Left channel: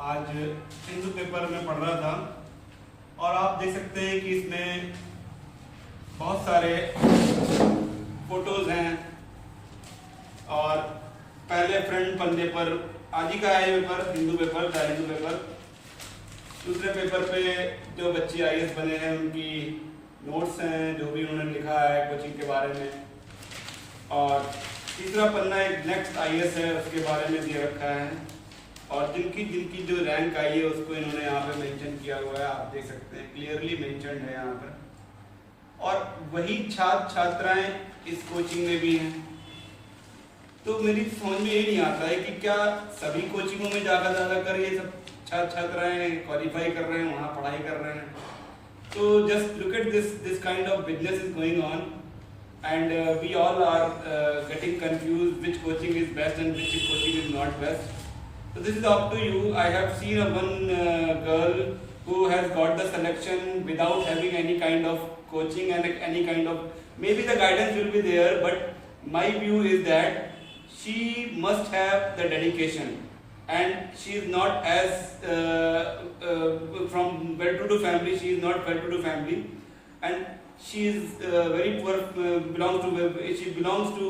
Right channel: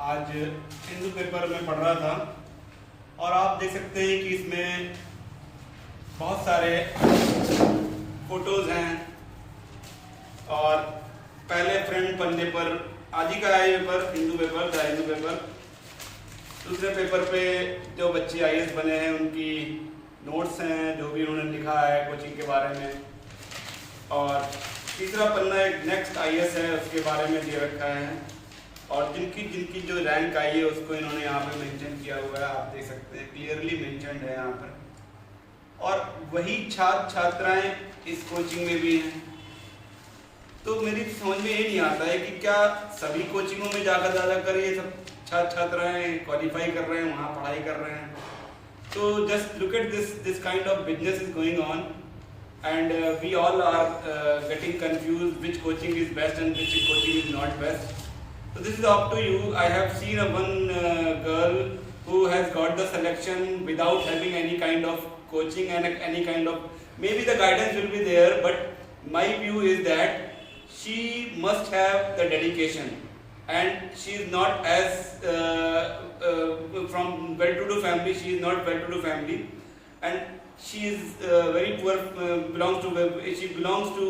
आज हिंदू पेपर में पढ़ रहा था और आप देख सकते हैं कि इसमें बहुत सारे फोटोज हैं और पहले फ्रंट पन्ने पर आज ही का है पेपर, हिंदू पेपर, द हिंदू पेपर। दूसरे पेपर पे जो बच्चे आईएएस बने हैं उनकी नोट्स हैं, जो भी उन्होंने लिखा है कोचिंग के बारे में। और तीसरा पन्ना एक नेक्स्ट आईएएस है, उसके बारे में दिया रखा है और जिनकी जिनकी जो रैंक आई है उसको इन्होंने यहाँ पे मेंशन किया हुआ है, आप देख सकते हैं, क्लियरली मेंशन्ड है यहाँ पर। और वही छात्र छात्राएं इस कोचिंग में भी हैं। तो मेरी समझ में ये नहीं आता है कि क्या सभी कोचिंगों में जाकर ये सब छात्र छात्राएं क्वालिफाई कर रहे हैं, वहाँ पढ़ाई कर रहे हैं। तो just look at this kind of business is going on and we all are getting confused which coaching is best and which coaching is not best. So this is up to you. I have seen one girl who has got the selection without having any kind of coaching and any kind of, maybe the guidance will be there, but my view is that she must have the dedication and she is not as from well-to-do family, she is not well-to-do family and she is very poor, she belongs to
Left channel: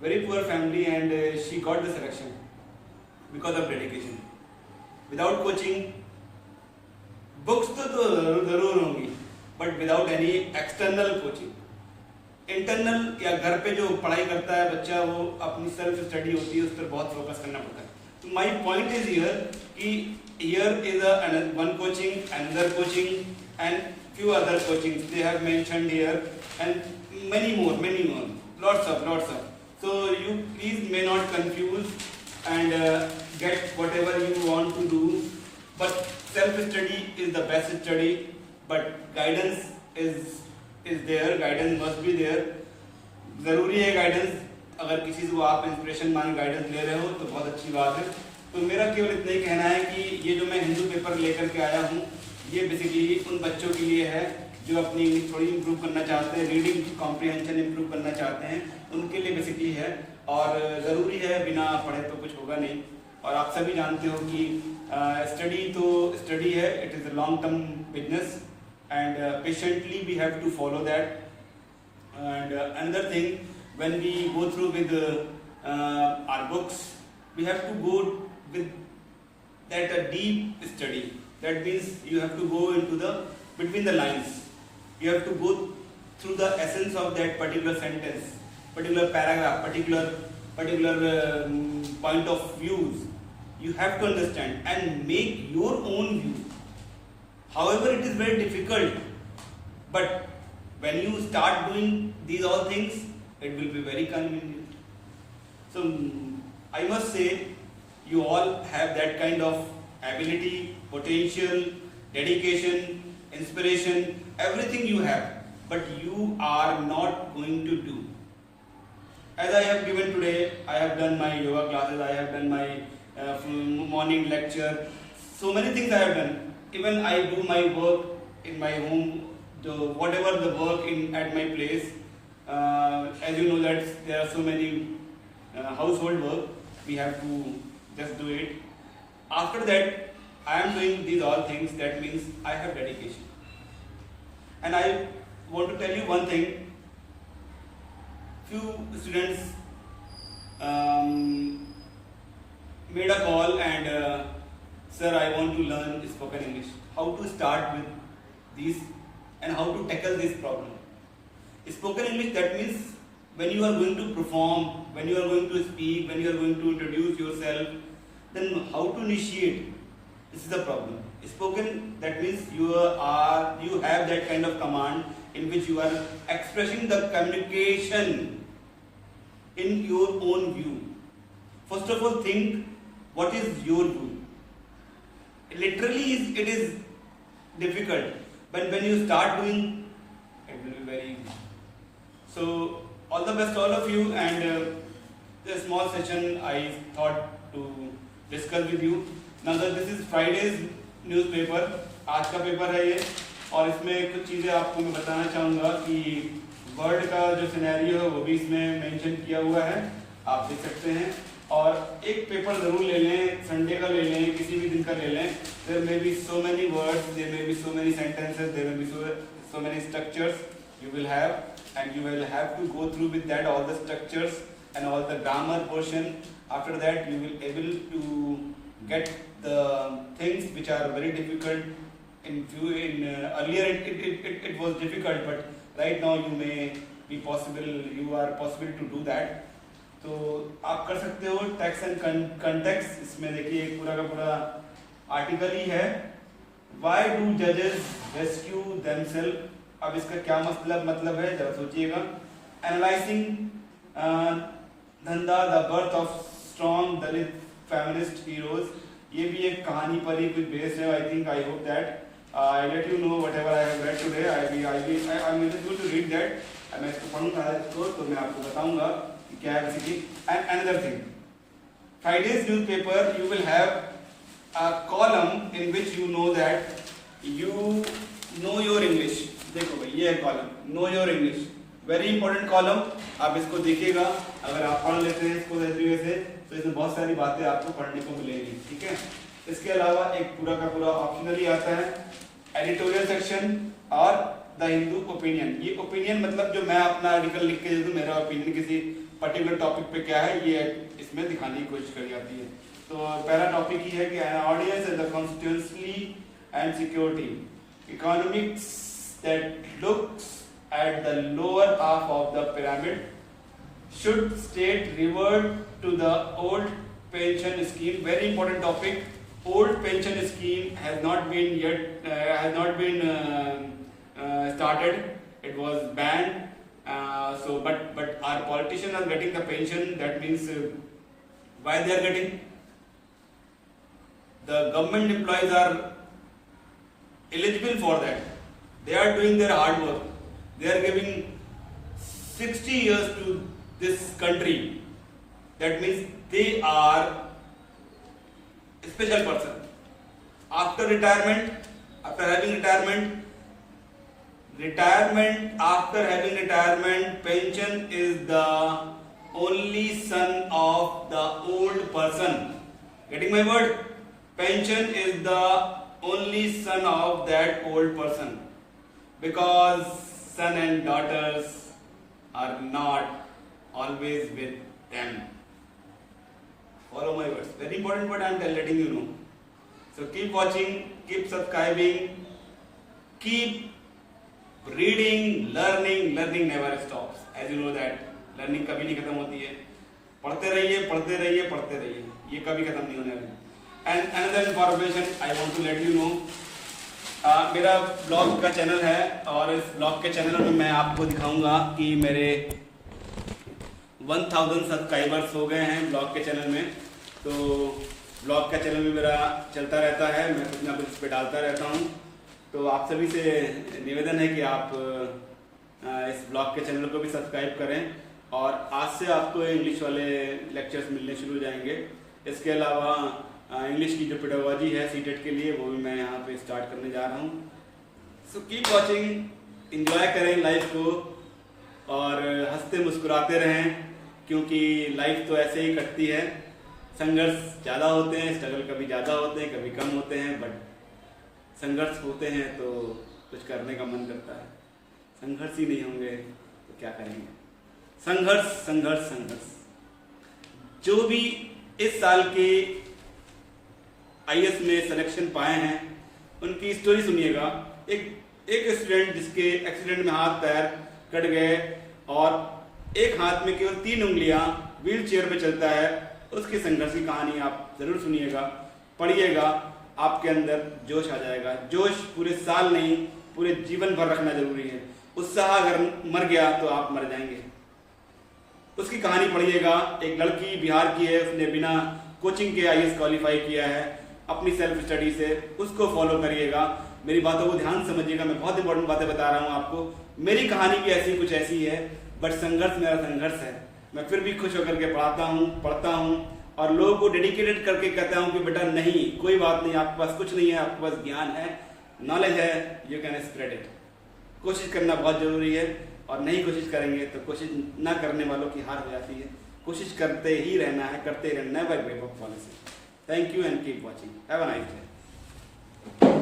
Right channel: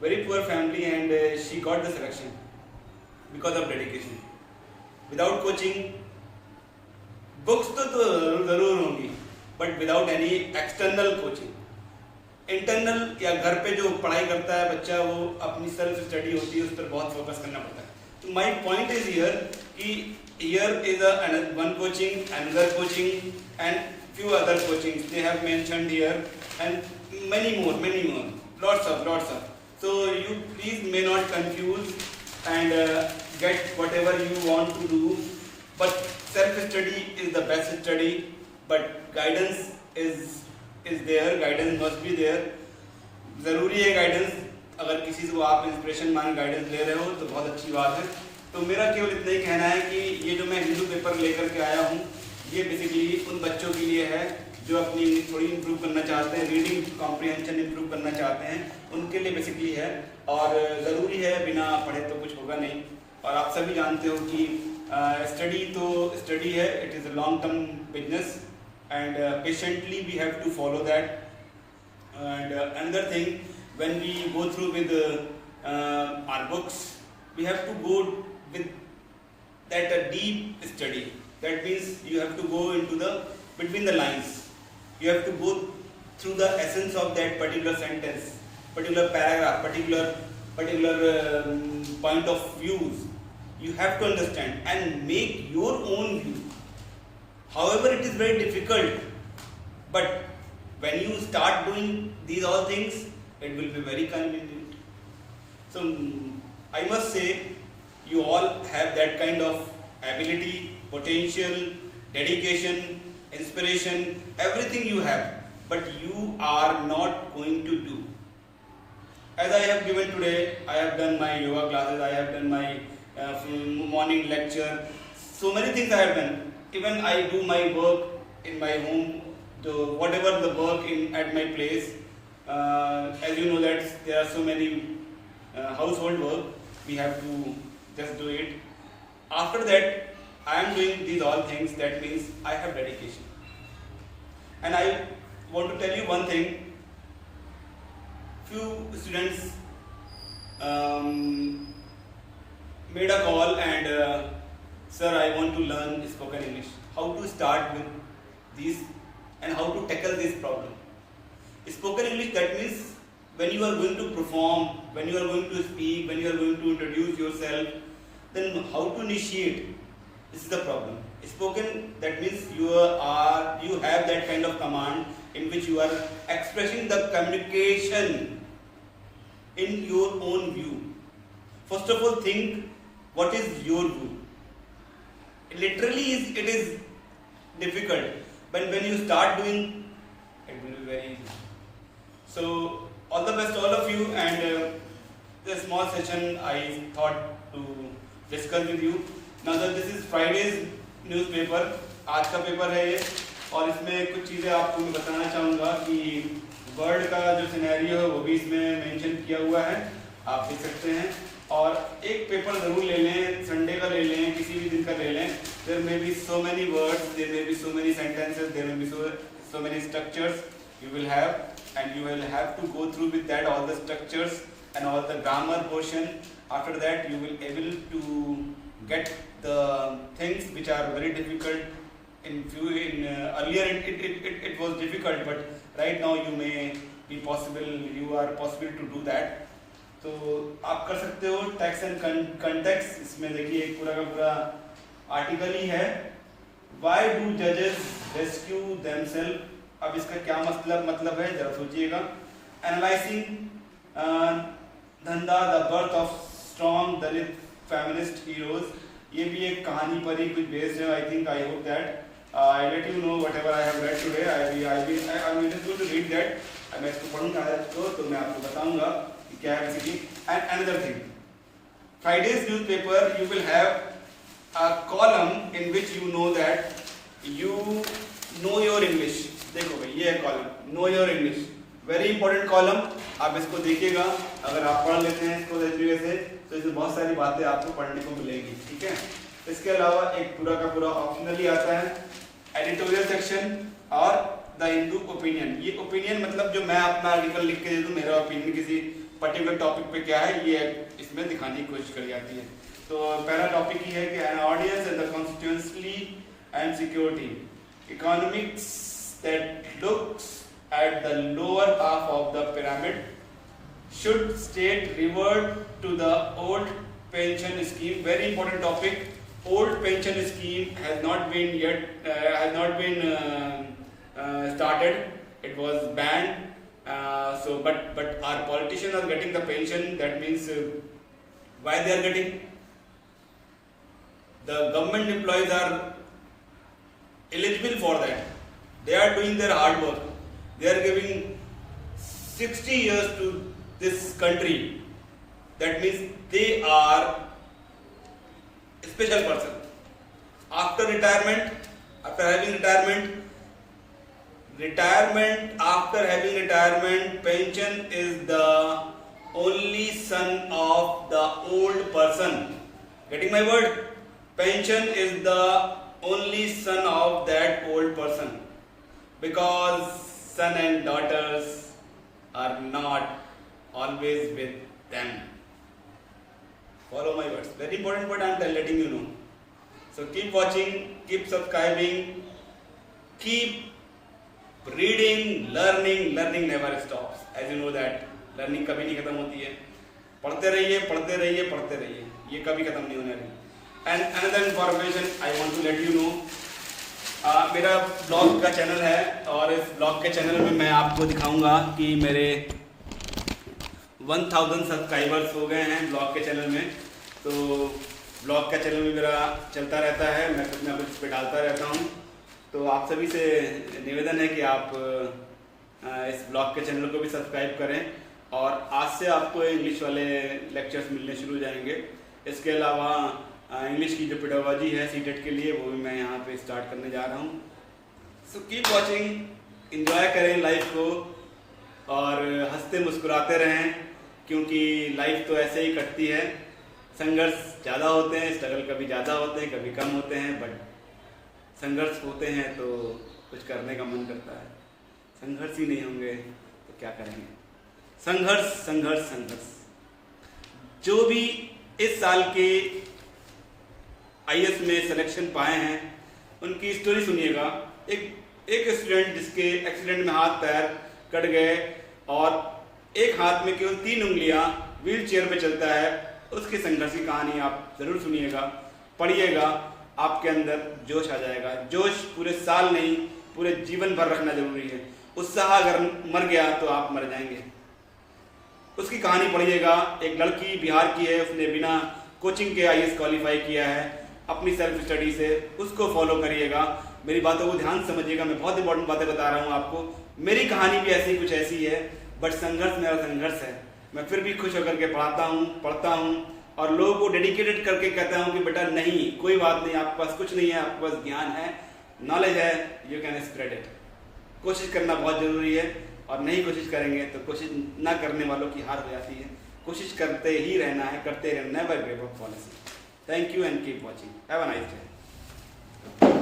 very poor family and she got the selection because of dedication. Without coaching, books तो जरूर होंगी, but without any external coaching. Internal या घर पे जो पढ़ाई करता है बच्चा, वो अपनी सेल्फ स्टडी होती है, उस पर बहुत फोकस करना पड़ता है। तो माई पॉइंट इज हियर कि here is one coaching, another coaching and few other coachings they have mentioned here and many more, lots of. So you please may not confuse and get whatever you want to do, but self study is the best study, but guidance is there, guidance must be there. जरूरी है गाइडेंस, अगर किसी से आप इंस्पिरेशन मान गाइडेंस ले रहे हो तो बहुत अच्छी बात है। तो मेरा केवल इतना ही कहना है कि ये जो मैं हिंदू पेपर लेकर के आया हूँ, ये बेसिकली उन बच्चों के लिए है जो अपनी थोड़ी इम्प्रूव करना चाहते हैं, रीडिंग कॉम्प्रिहेंशन इम्प्रूव करना चाहते हैं, उनके लिए बेसिकली है। और ज़रूरी है, बिना पढ़े तो कुछ होगा नहीं। और आप सभी जानते हो कि स्टडी तो स्टडी है, it is a long term business and patiently we have to follow that. And another thing, when we go through with our books, we have to go with that a deep study. That means you have to go into the between the lines. You have to go through the essence of that particular sentence, particular paragraph, particular point of views. You have to understand and make your own view. However, it is very difficult, but when you start doing these all things, it will be very convenient. So I must say you all have that kind of ability, potential, dedication, inspiration, everything you have, but you are not going to do. As I have given today, I have done my yoga classes, I have done my morning lecture, so many things I have done. Even I do my work in my home, whatever the work at my place. As you know that there are so many household work, we have to just do it. After that, I am doing these all things. That means I have dedication. And I want to tell you one thing. Few students made a call and sir, I want to learn spoken English. How to start with these and how to tackle this problem. Spoken English, that means when you are going to perform, when you are going to speak, when you are going to introduce yourself, then how to initiate, this is the problem. Spoken, that means you have that kind of command in which you are expressing the communication in your own view. First of all, think what is your view. Literally it is difficult, but when you start doing, it will be very easy. So all the best to all of you, and this small session I thought to discuss with you. Now this is Friday's newspaper, आज का पेपर है ये, और इसमें कुछ चीज़ें आपको मैं बताना चाहूँगा कि वर्ल्ड का जो सिनेरियो है वो भी इसमें मेंशन किया हुआ है, आप देख सकते हैं। और एक पेपर जरूर ले लें, संडे का ले लें, किसी भी दिन का ले लें. There may be so many words, there may be so many sentences, there may be so many structures you will have, and you will have to go through with that all the structures and all the grammar portion. After that you will able to get the things which are very difficult. Earlier it was difficult, but right now you are possible to do that. तो आप कर सकते हो. Tax and context, इसमें देखिए एक पूरा का पूरा आर्टिकल ही है. Why do judges rescue themselves? अब इसका क्या मतलब है जरा सोचिएगा. Analyzing धंधा, the birth of strong Dalit feminist heroes. ये भी एक कहानी पर ही कुछ बेस्ड है. I hope that I let you know whatever I have read today. I'm going to read that. मैं इसको पढ़ूंगा इसको, तो मैं आपको बताऊंगा कि क्या है basically. And another thing, Friday's newspaper you will have a column in which you know that you know your English. देखो भाई ये है column know your English, very important column. आप इसको देखिएगा, अगर आप पढ़ लेते हैं इसको इस तरीके से तो इसमें बहुत सारी बातें आपको पढ़ने को मिलेगी. ठीक है. इसके अलावा एक पूरा का पूरा ऑप्शनली आता है एडिटोरियल सेक्शन और द हिंदू ओपिनियन. ये ओपिनियन मतलब जो मैं अपना आर्टिकल लिख के दे दूं, मेरा ओपिनियन किसी पर्टिकुलर टॉपिक पे क्या है ये इसमें दिखाने की कोशिश करी जाती है. तो पहला टॉपिक ये है कि an audience in the constituency and security economics that looks at the lower half of the pyramid should state revert to the old pension scheme. Very important topic. Old pension scheme has not been started. It was banned. But our politicians are getting the pension. That means why they are getting? The government employees are eligible for that. They are doing their hard work. They are giving 60 years to this country. That means they are special person. After having retirement, pension is the only son of the old person. Getting my word? Pension is the only son of that old person, because son and daughters are not always with them. Follow my words. Very important word I am letting you know. So keep watching, keep subscribing, keep reading, learning. Learning never stops. As you know that learning कभी नहीं खत्म होती है. पढ़ते रहिए. ये कभी खत्म नहीं होने वाली. And another information I want to let you know. मेरा ब्लॉग का चैनल है और इस ब्लॉग के चैनल में मैं आपको दिखाऊंगा कि मेरे 1000 सब्सक्राइबर्स हो गए हैं ब्लॉग के चैनल में. तो ब्लॉग का चैनल भी मेरा चलता रहता है, मैं कुछ ना कुछ इस पर डालता रहता हूँ. तो आप सभी से निवेदन है कि आप इस ब्लॉग के चैनल को भी सब्सक्राइब करें. और आज से आपको इंग्लिश वाले लेक्चर्स मिलने शुरू हो जाएंगे. इसके अलावा इंग्लिश की जो पेडागोजी है सीटेट के लिए वो भी मैं यहाँ पे स्टार्ट करने जा रहा हूँ. सो कीप वॉचिंग, इंजॉय करें लाइफ को और हंसते मुस्कुराते रहें, क्योंकि लाइफ तो ऐसे ही कटती है. संघर्ष ज़्यादा होते हैं, स्ट्रगल कभी ज़्यादा होते हैं, कभी कम होते हैं, बट संघर्ष होते हैं तो कुछ करने का मन करता है. संघर्ष ही नहीं होंगे तो क्या करेंगे. संघर्ष. जो भी इस साल के IAS में सिलेक्शन पाए हैं उनकी स्टोरी सुनिएगा. एक स्टूडेंट जिसके एक्सीडेंट में हाथ पैर कट गए और एक हाथ में केवल 3 उंगलियां, व्हील चेयर पे चलता है, उसकी संघर्ष की कहानी आप जरूर सुनिएगा, पढ़िएगा. आपके अंदर जोश आ जाएगा. जोश पूरे साल नहीं पूरे जीवन भर रखना जरूरी है. उत्साह अगर मर गया तो आप मर जाएंगे. उसकी कहानी पढ़िएगा. एक लड़की बिहार की है, उसने बिना कोचिंग के IAS क्वालिफाई किया है अपनी सेल्फ स्टडी से. उसको फॉलो करिएगा. मेरी बातों को ध्यान समझिएगा. मैं बहुत इंपॉर्टेंट बातें बता रहा हूँ आपको. मेरी कहानी भी कुछ ऐसी है, बट संघर्ष मेरा संघर्ष है. मैं फिर भी खुश होकर के पढ़ता हूँ और लोगों को डेडिकेटेड करके कहता हूँ कि बेटा नहीं, कोई बात नहीं, आपके पास कुछ नहीं है, आपके पास ज्ञान है, नॉलेज है, यू कैन स्प्रेड इट. कोशिश करना बहुत जरूरी है और नहीं कोशिश करेंगे तो कोशिश ना करने वालों की हार हो जाती है. कोशिश करते ही रहना है, करते रहना, never give up policy. Thank you and keep watching. Have a nice day.